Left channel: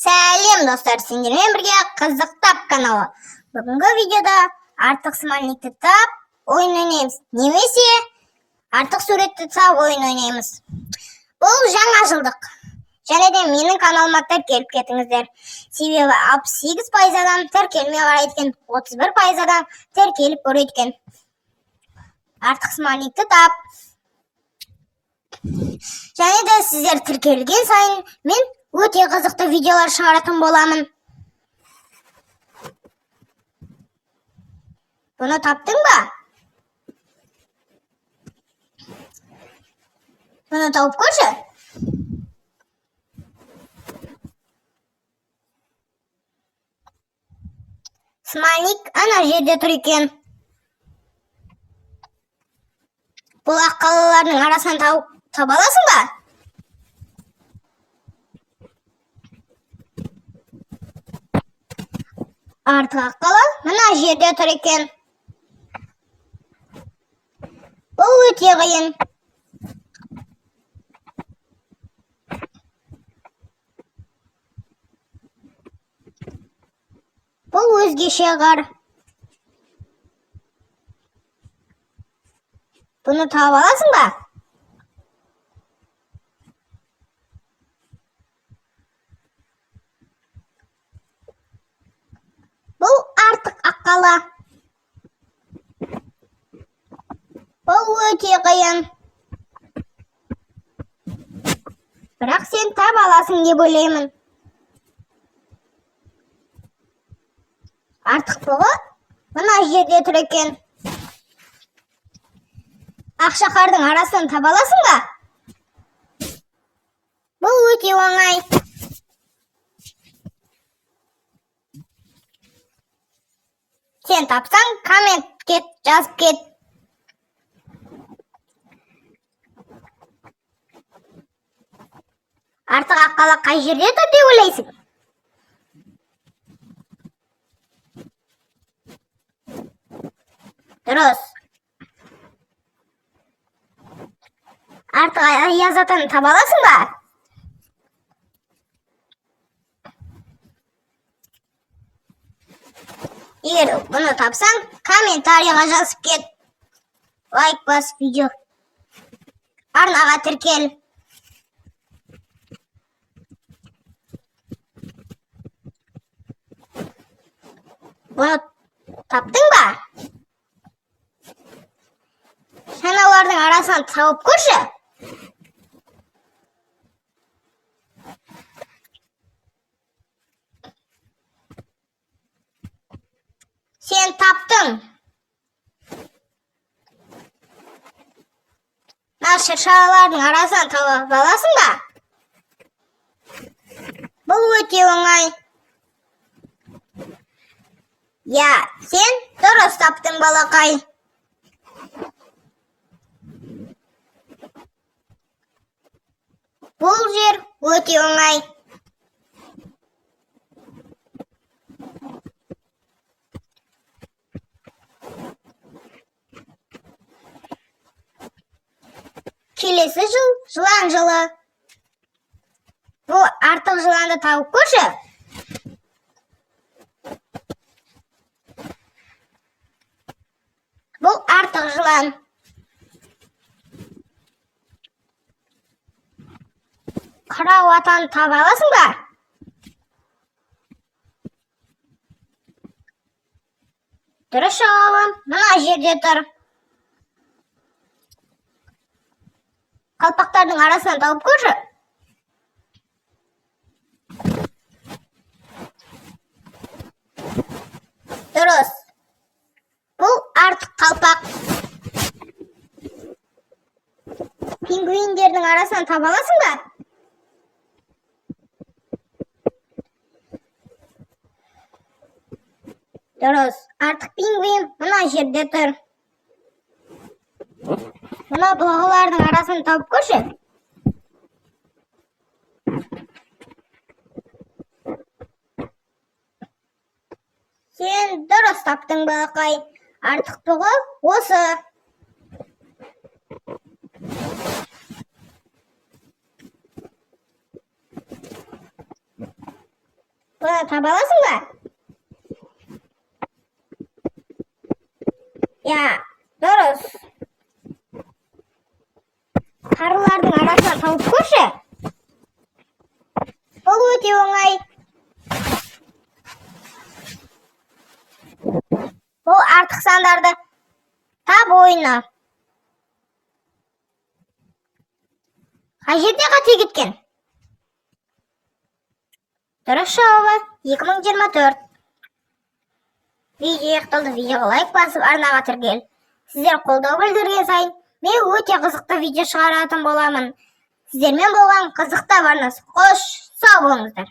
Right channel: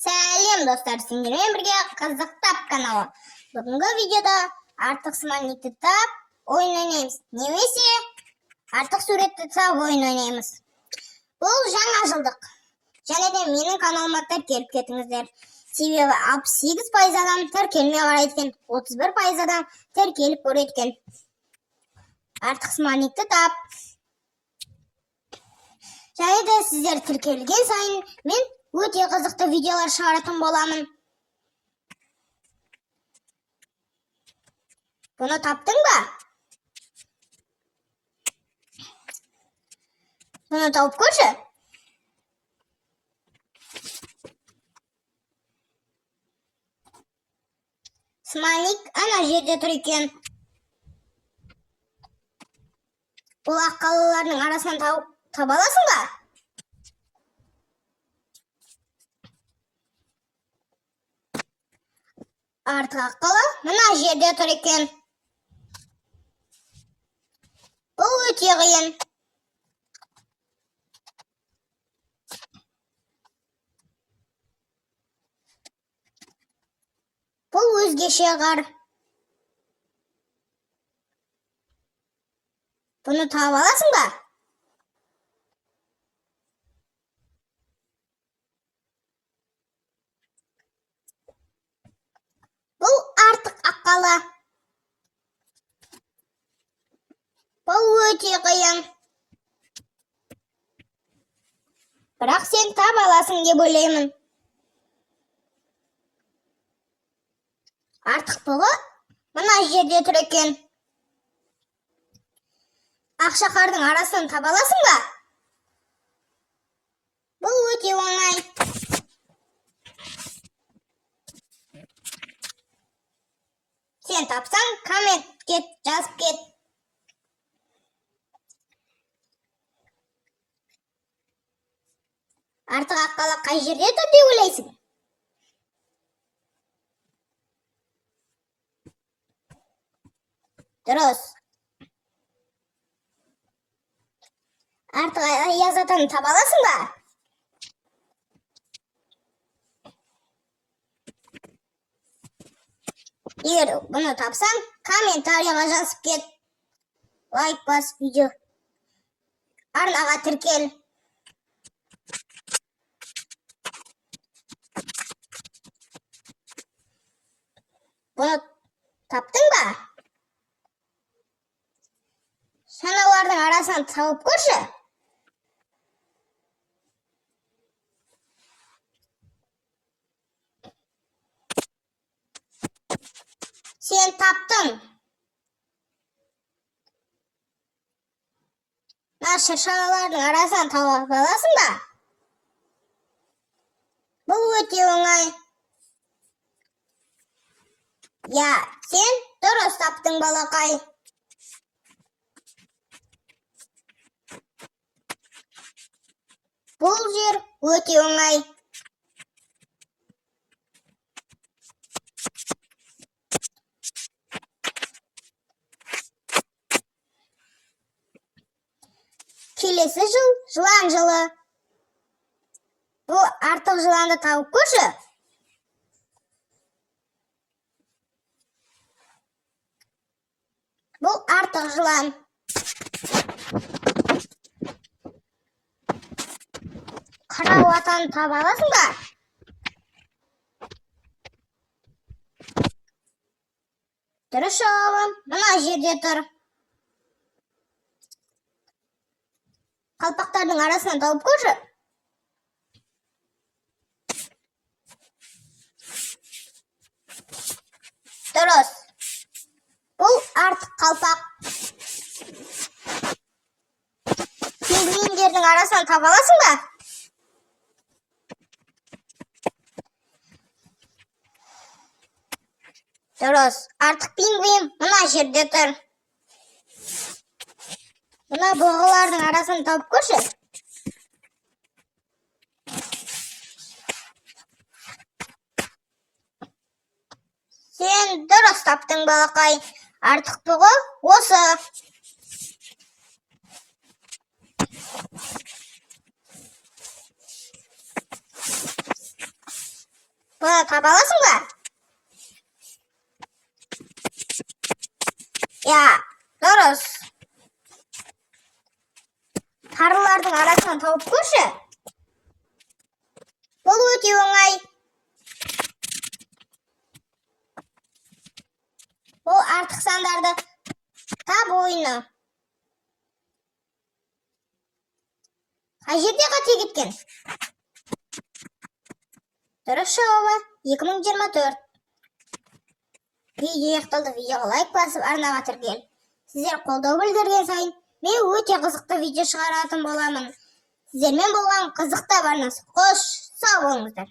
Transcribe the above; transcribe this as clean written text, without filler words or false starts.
Сәлем достар, сендермен бірге қызықтап каналы. Бүгінгі видеода артық смайликті тап ойын ойнаймыз. Немесе артық суретті тап ойын ойнаймыз. Бұл жаңа жылдық. Және де менің каналыма тіркеліп кетіңіздер. Себебі 68% адам тіркелмей қарайды екен, 31% адам тіркеліп көреді екен. Артық смайликті тап. Және де сіздер тіркелген сайын мен өте қызықты видеолар шығаратын боламын. Бұны таптың ба? Бұны тауып көрші. Смайлик ана жерде тұр екен. Бұл аққалалардың арасынан таба аласың ба? Артық аққала мына жерде тұр екен. Бұл өте қиын. Бұл өзгеше ғар. Бұны тауып аласың ба? Бұл артық аққала. Бұл өте қиын. Бірақ сен таба аласың деп ойлаймын. Артық бұғы мына жерде тұр екен. Ақшақардың арасынан таба аласың ба? Бұл өте оңай. Сен тапсаң, комментке жазып кет. Артық аққала қай жерде тұр деп ойлайсың? Дұрыс. Артық аяз атаны таба аласың ба? Егер бұны тапсаң, комментарийға жазып кет. Лайк бас видео. Арнаға тіркел. Бұны таптың ба? Шаналардың арасынан тауып көрші. Сен таптың. Шыршалардың арасынан тауып аласың ба? Бұл өте оңай. Я, сен дұрыс таптың, балақай. Бұл жер өте оңай. Келесі жыл жылан жылы. Бұл артық жыланды тауып көрші. Бұл артық жылан. Қырау атаны таба аласың ба? Дұрыс жауабым мына жерде тұр. Қалпақтардың арасынан тауып көрші. Дұрыс. Бұл артық қалпақ. Пингвиндердің арасынан таба аласың ба? Дұрыс. Артық пингвин мына жерде тұр. Мына бұғылардың арасын тауып көрші. Сен дұрыс таптың, балақай. Артық бұғы осы. видеоны таба аласың ба? Я, дұрыс. Қарылардың арасынан тауып көрші. Бұл өте оңай. Бұл артық сандарды тап ойыны. Қай жерде қате кеткен? Дұрыс жауабы 2024. Видео аяқталды. Видеоға лайк басып, арнаға тіркел. Сіздер қолдау білдірген сайын мен өте қызықты видео шығаратын боламын. Сіздермен болған қызықты арнасы. Қош, сау болыңыздар.